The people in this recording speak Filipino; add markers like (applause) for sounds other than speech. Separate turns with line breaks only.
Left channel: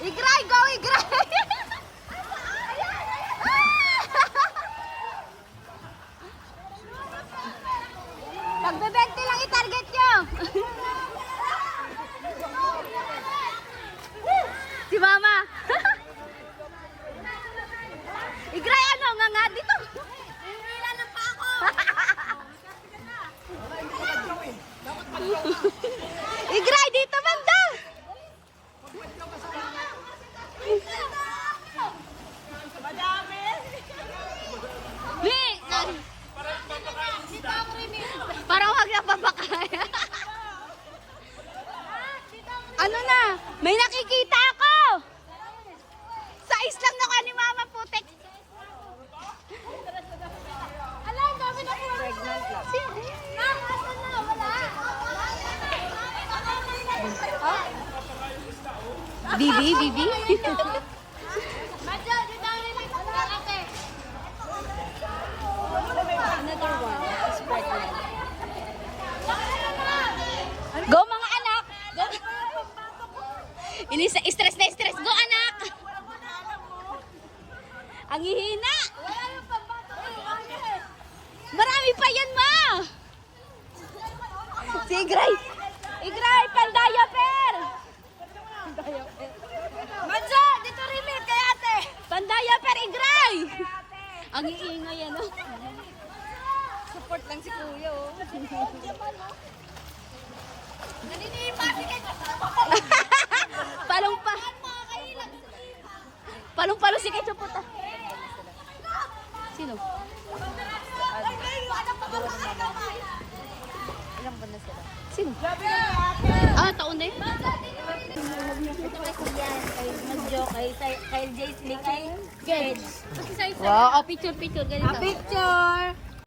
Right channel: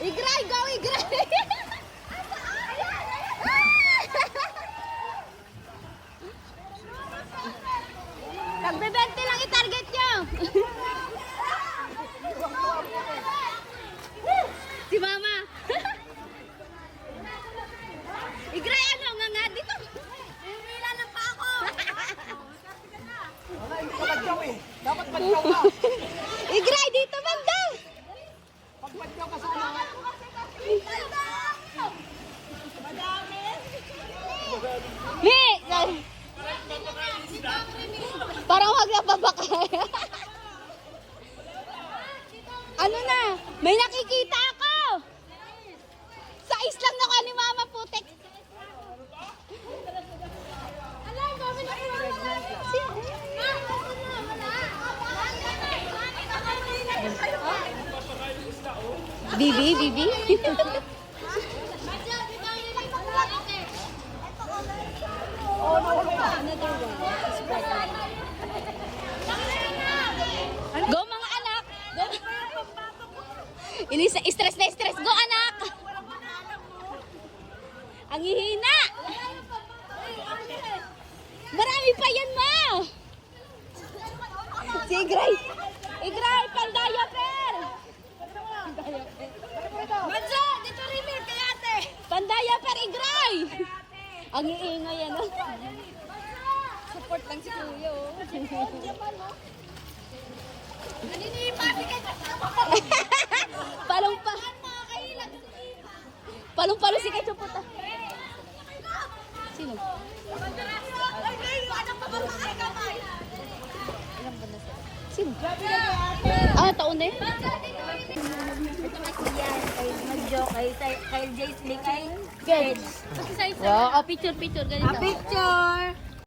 Играй, го, играй! Pagbebente lang i-target nyo! (laughs) Igray, dito banda. Mi! Parang wag na babakay. (laughs) ano na? May nakikita ako! Bibi, bibi. Go mga anak! Ini stress na stress. Go anak! Ang hihina! Marami pa yan ma! Si! Igray! Ang iingay yan oh.
Support lang si Kuya. oh.
Palong pa. Palong palo si. Sino?
Ano pa ba ang kamay?
Sino? Ah, taon na?
Kasi yan, kay Jace Lee, kay Gage.
Wow, oh, picture, picture, ganito.
picture!